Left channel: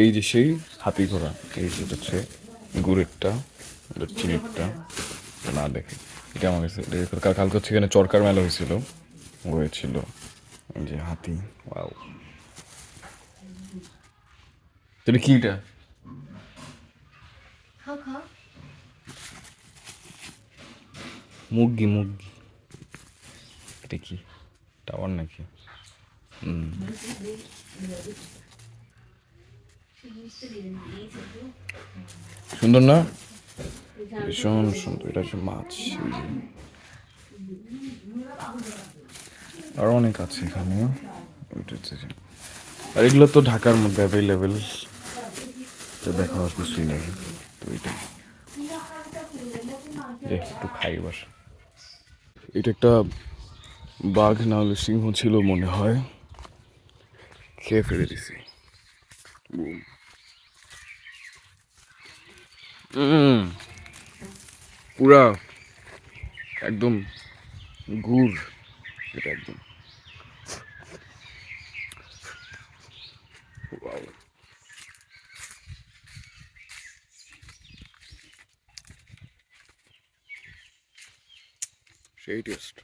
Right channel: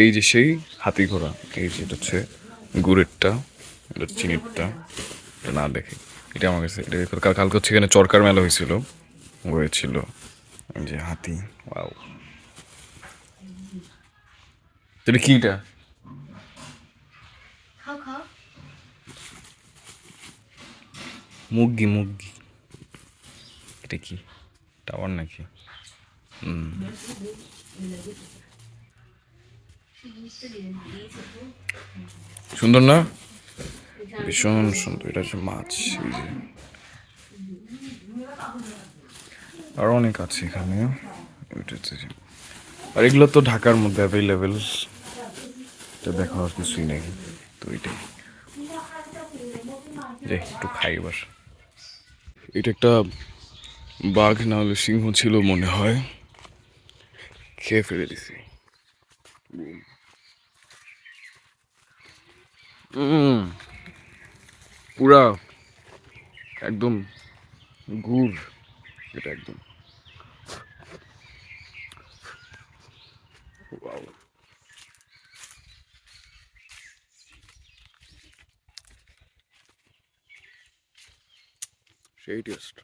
এই যে সেই হাতি ঘোড়া, এই যেটা হচ্ছে গুড়েরটা, এটা চিনিরটা, এটা না দেখে এটা আমার কাছে এটা কালকে হচ্ছে এখানে চরকার মেলা হয়েছিল এই যে হাতি। ওয়াও, এটা কিটা? মুগি মুগি, এটা কি টাওয়ার নাকি? হুম, সুন্দর না? ভীষণ সুন্দর। এটা হচ্ছে মাছ, এই যে আরো অনেক আছে এখানে। ওইটা হচ্ছে আর এগুলো তো ঢাকার মধ্যে অ্যাভেলেবেল, তো দেখার কিছুই নেই। তো এটাই যে একটু খাই এবার। এটা একটা বাঘ না হলে সিংহ ছিল মনে হয়, খেয়ে ফেলে দিছি। পুরা একদম গুড়, এটা একদম ওয়াও, সেই টেস্ট।